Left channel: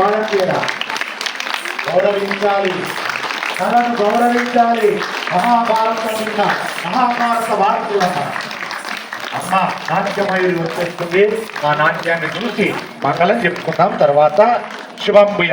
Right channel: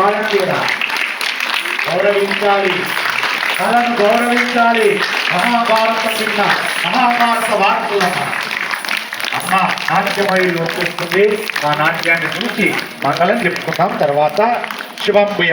బాలకీయ గౌరవించాలి, కళను గౌరవించాలి. మహాభారతం నిన్న మహాభారత వార్తలమ్మ అమ్మ నాట్యమయులు వస్తుంది. మా నాట్యాన్ని చూసి మంగళం చెప్పుకుందాం. తర్వాత శివంబుయ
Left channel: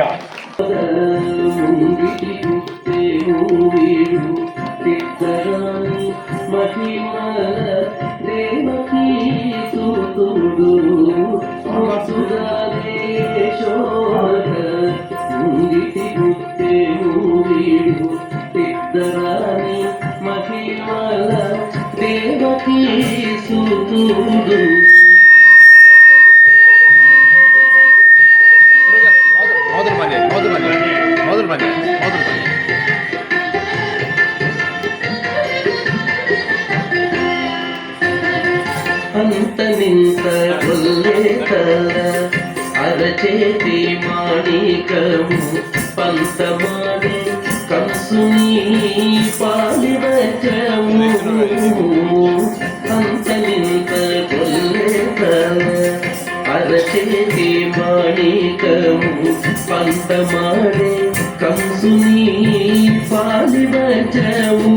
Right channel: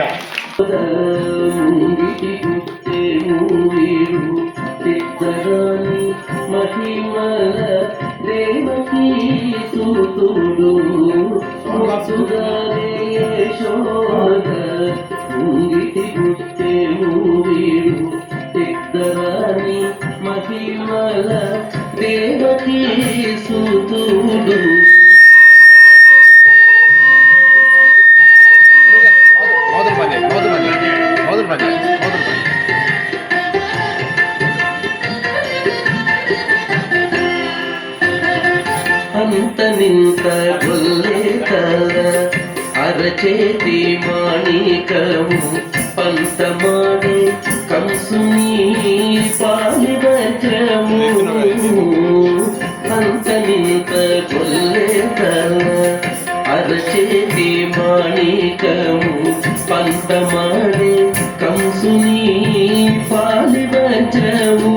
అంతమింత కొల్లేకల అరచేతి మాణికము పంతమాడే కంసుని పాలివచము. అంతమింత కొల్లేకల అరచేతి మాణికము పంతమాడే కంసుని పాలివచము.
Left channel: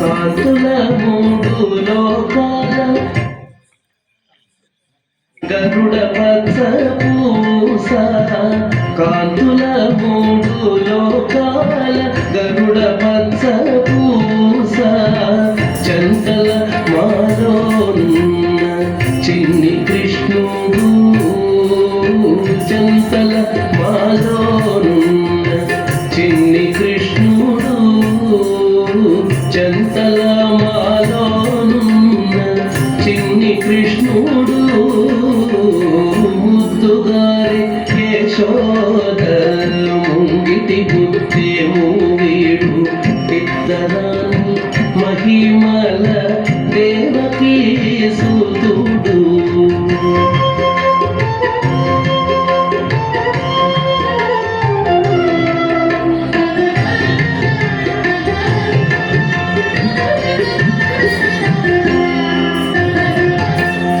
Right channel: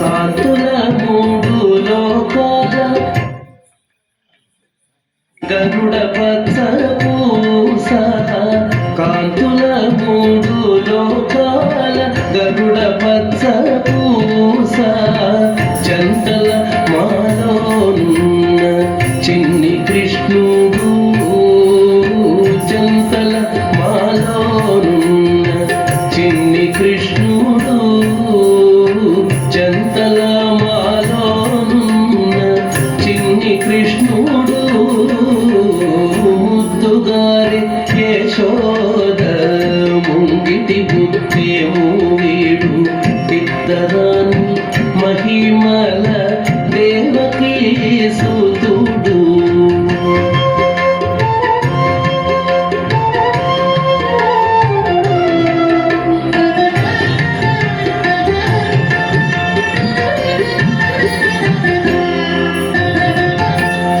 కాంతుల మూడు లోకాల గరుడ పచ్చ పూస, కాంతుల మూడు లోకాల గరుడ పచ్చ పూస, జంటల మాలోన్న చిన్ని కృష్ణుడు, జంటల మాలోన్న చిన్ని కృష్ణుడు, జంటల మాలోనున్న చిన్ని కృష్ణుడు, ముద్దుగారి యశోద ముంగిటి బుద్ధేము వీడు, ఇద్దరాని మహిమల దేవకీ సుతుడు.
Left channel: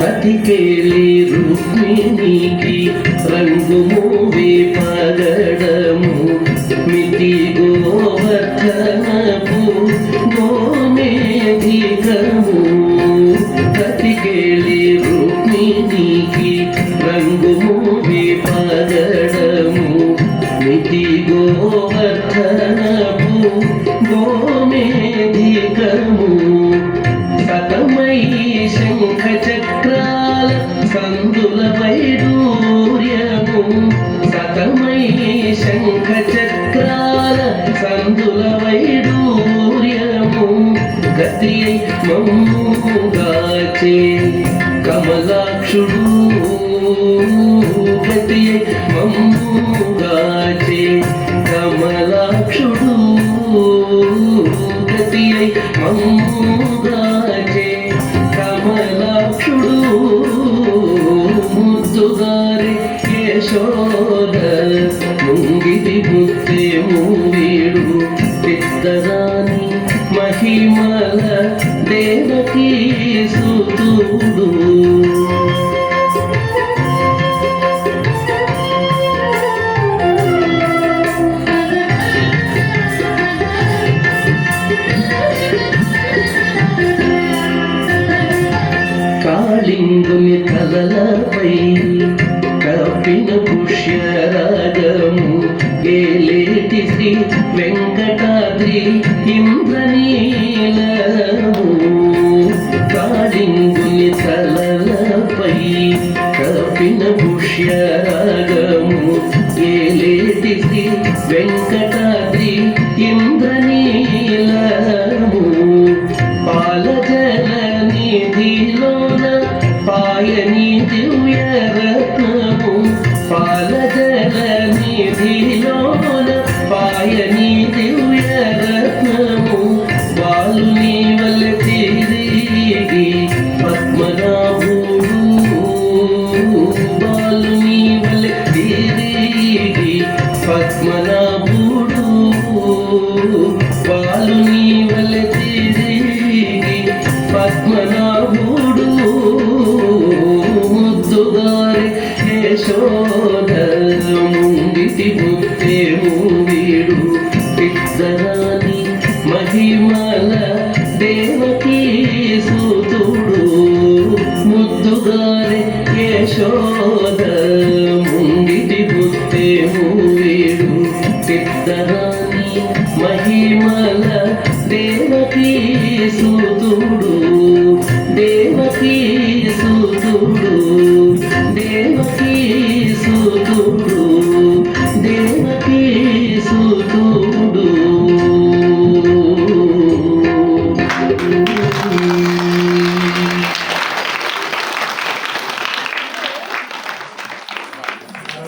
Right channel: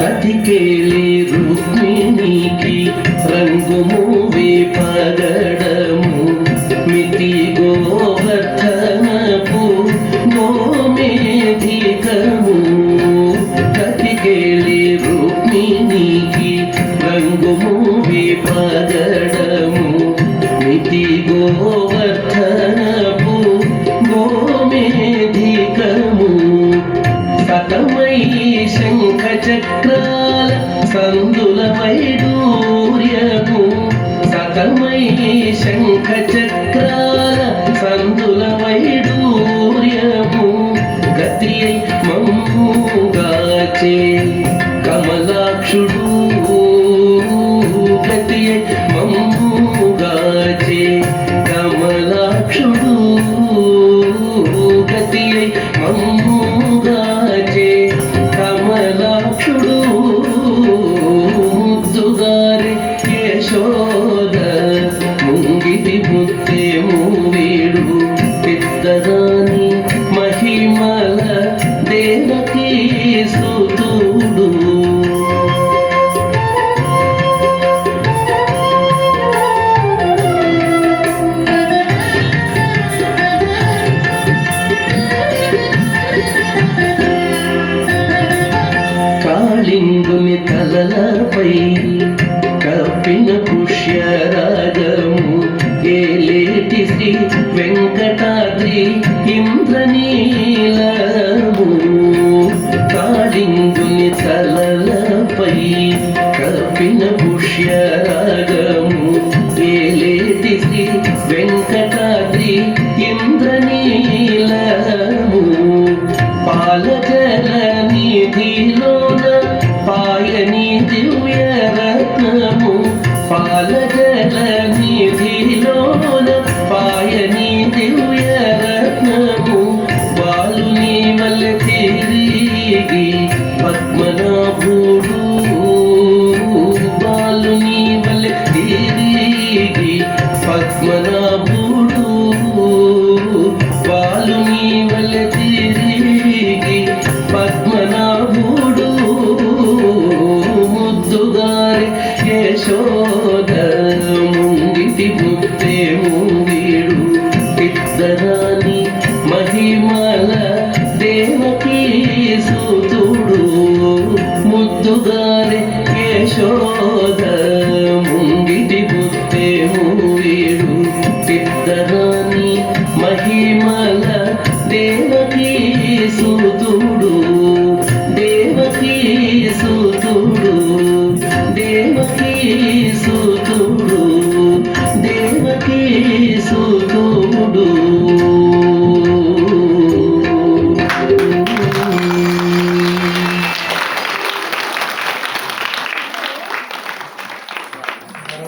కతికేలి రుక్మిణికి రంగు మూవి పగడము, మితి గోవర్ధనపు గోమేధికము. కతికేలి రుక్మిణికి రంగు మూవి పగడము, మితి గోవర్ధనపు గోమేధికము. సతమై శంఖ చక్రాల సందుల వైడూర్యము, సతమై శంఖ చక్రాల సందుల వైడూర్యము. గతి మమ్ముగాచే కమలాక్షుడు, గతి మమ్ముగాచే కమలాక్షుడు, గతి మమ్ముగాచే కమలాక్షుడు. ముద్దుగారి యశోద ముంగిటి బుద్ధేము వీడు, పెద్దదాని మహిమల దేవకీ సుతుడు. కాళింగుని తలలపై కప్పిన పుష్యరాగము, ఏలేటి శ్రీ వెంకటాద్రి ఇంద్రనీలము. కాళింగుని తలలపై కప్పిన పుష్యరాగము, ఏలేటి శ్రీ వెంకటాద్రి ఇంద్రనీలము. పాలజల నిధిలోన పాయని దివ్య రత్నము, పాలజల నిధిలోన పాయని దివ్య రత్నము. బాలుని వల్ల తిరిగి పద్మనాభుడు, బాలుని వల్ల తిరిగి పద్మనాభుడు, బాలుని వల్ల తిరిగి పద్మనాభుడు. ముద్దుగారి యశోద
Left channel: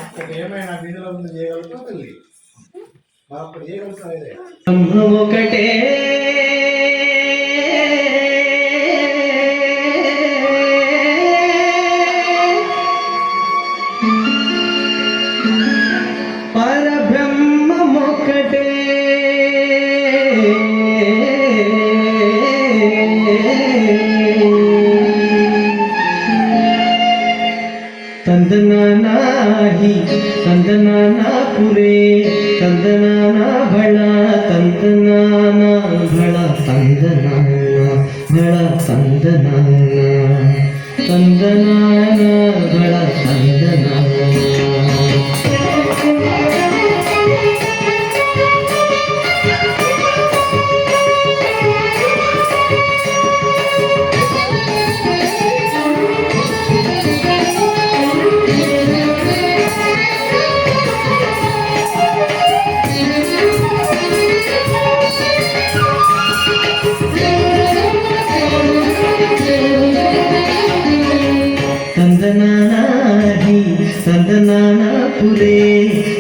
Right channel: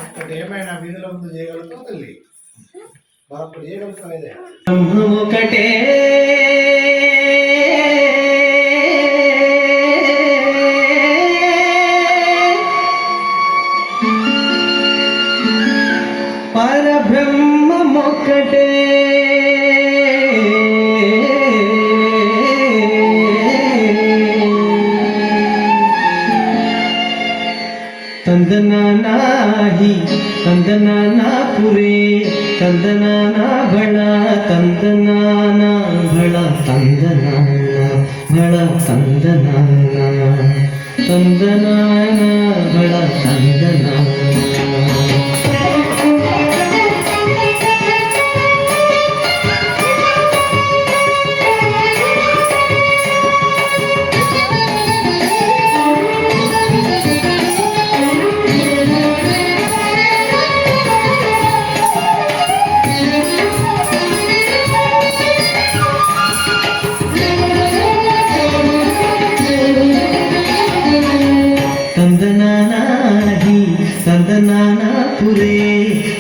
ఒక్కటి ఏమైనా వీధిలో ముందు చేయగలుగుతావు తల్లి మరొకటి చేయగలుగుతావు ఇదే ఒకటే పరబ్రహ్మమొక్కటే ತಂದನಾನಾಹಿ ತಂದನಾನಾ ಪುರೇ ತಂದನಾನಾ ಬಳ ತಂದನಾನ ಬಳ ತಂದನಾನ ಬಳ ತಂದನಾನ ತಂದನಾನ ಬಳ ತಂದನಾನ ತಂದನಾನಾಹಿ ತಂದನಾನ ಪುರೇ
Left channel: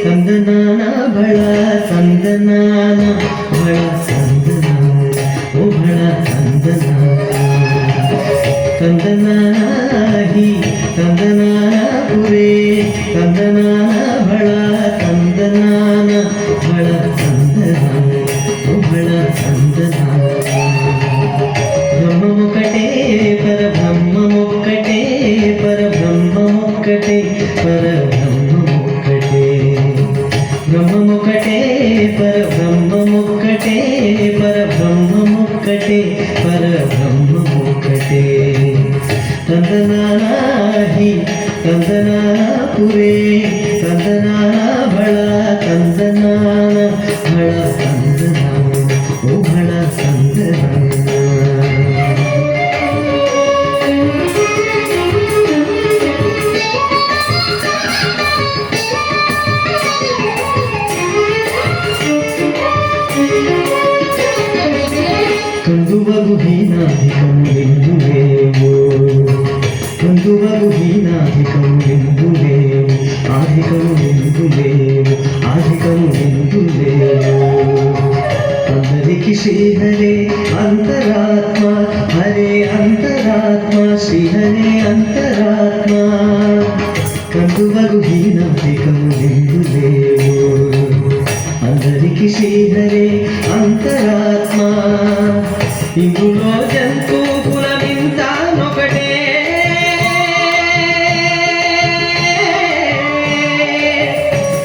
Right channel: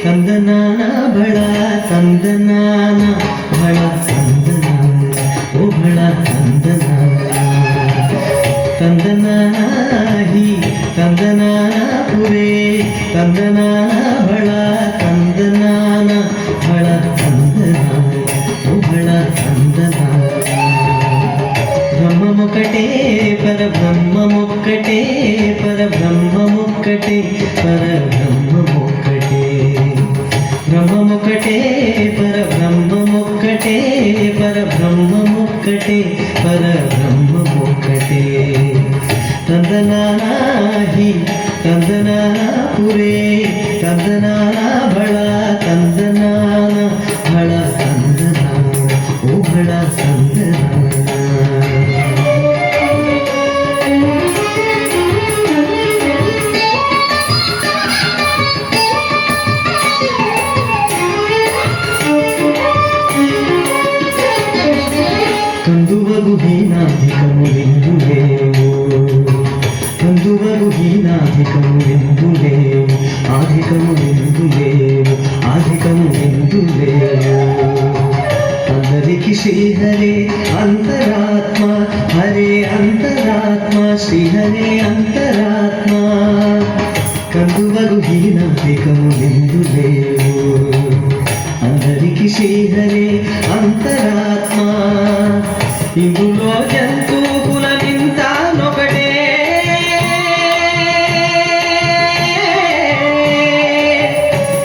ತಂದನಾನ ಬಳ ತಂದನಾನ ಬಳ ತಂದನಾನ ಓ ಬಳ ತಂದನಾನ ತಂದನಾನಾಹಿ ತಂದನಾನ ಪುರೇ ತಂದನಾನ ಬಳ ತಂದನಾನ ಬಳ ತಂದನಾನ ಓ ಬಳ ತಂದನಾನ బ్రహ్మమొక్కటే పరబ్రహ్మమొక్కటే పరబ్రహ్మమొక్కటే పరబ్రహ్మమొక్కటే బ్రహ్మమొక్కటే పరబ్రహ్మమొక్కటే పరబ్రహ్మమొక్కటే పరబ్రహ్మమొక్కటే తందనానాహి తందనానా పురే తందనానా బళ తందనాన బళ తందనాన ఓ బళ తందనాన కందువగు హీనాధికములిందులేవు కందువగు హీనాధికములిందులేవు ఆధికములిందులేవు ఆధికములిందులేవు అందరికి శ్రీహరే అంతరాత్మ హరే అంతరాత్మ శ్రీహరే అంతరాత్మ కందువగు హీనాధికములిందులేవు అందరికి శ్రీహరే అంతరాత్మ ఇందులో జంతువుల వింతానొకటే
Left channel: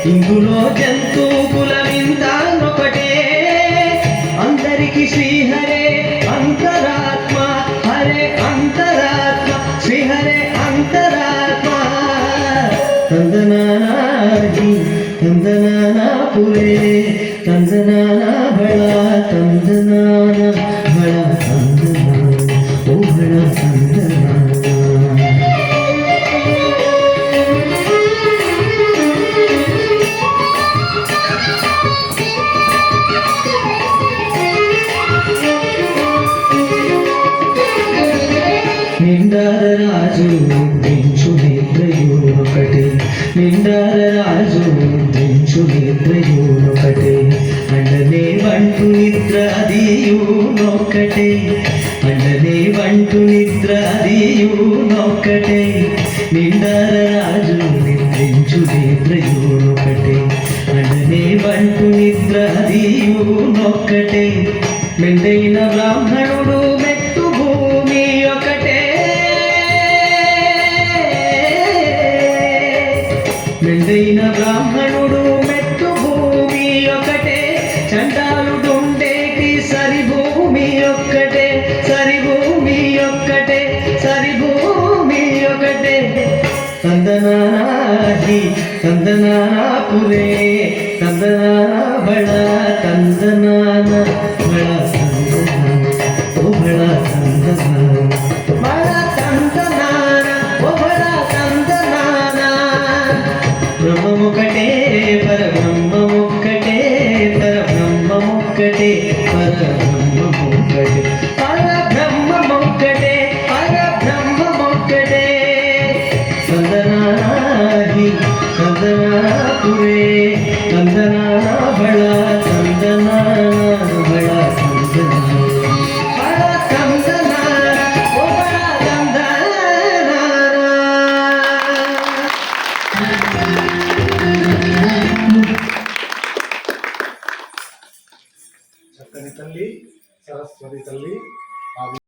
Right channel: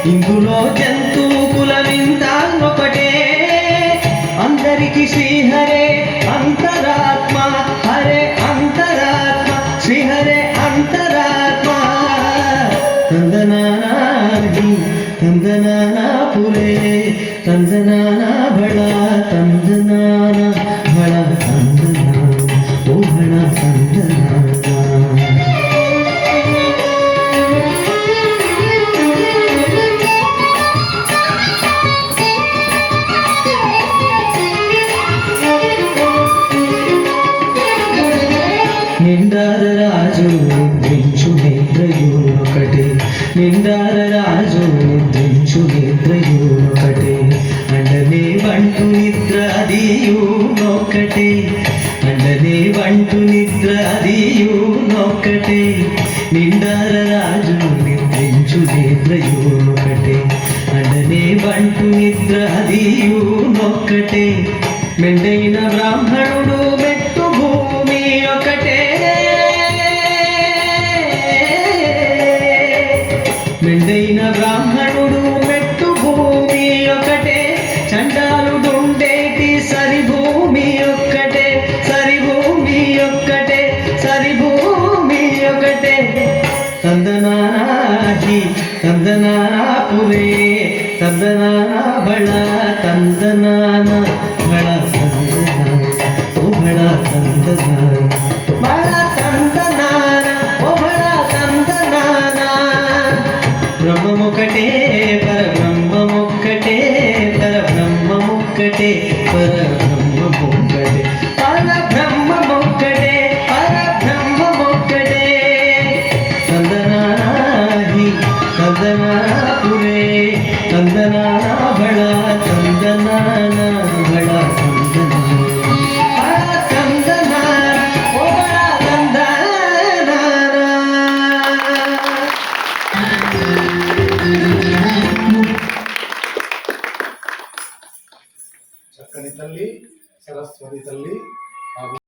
ఇందులో జంతువుల వింతానొకటే అందరికి శ్రీహరే అంతరాత్మ హరే అంతరాత్మ శ్రీహరే అంతరాత్మ తందనానాహి తందనానా పురే తందనానా బళ తందనాన బళ తందనాన ఓ బళ తందనాన నిండార రాజు నిద్రించు నిద్రయు ఒకటి నిండార రాజు నిద్రించు నిద్రయు ఒకటి అండనే వంటు నిద్ర అదియు నొక్కటే అండనే వంటు నిద్ర అదియు నొక్కటే నిండార రాజు నిద్రించు నిద్రయు ఒకటి అండనే వంటు నిద్ర అదియు నొక్కటే మెండైన బ్రాహ్మణుడు మెట్టు భూమి ఒకటే మెండైన బ్రాహ్మణుడు మెట్టు భూమి ఒకటే చండాలుడుండేటి సరి భూమి ఒక్కటే సరి భూమి ఒక్కటే సరి భూమి ఒకటే తందనానాహి తందనానా పురే తందనానా బళ తందనాన బళ తందనాన ఓ బళ తందనాన బళ తందనాన ఓ బళ తందనాన బ్రహ్మమొక్కటే పరబ్రహ్మమొక్కటే పరబ్రహ్మమొక్కటే పరబ్రహ్మమొక్కటే పరబ్రహ్మమొక్కటే పరబ్రహ్మమొక్కటే సందనాహి సందనాహి ಪುರೇ ತಂದನಾನ ಬಳ ತಂದನಾನ ಬಳ ತಂದನ ಬಳ ತಂದನ ಓ ಬಳ ತಂದನಾನ చక్కని తల్లి సరస్వతి తల్లి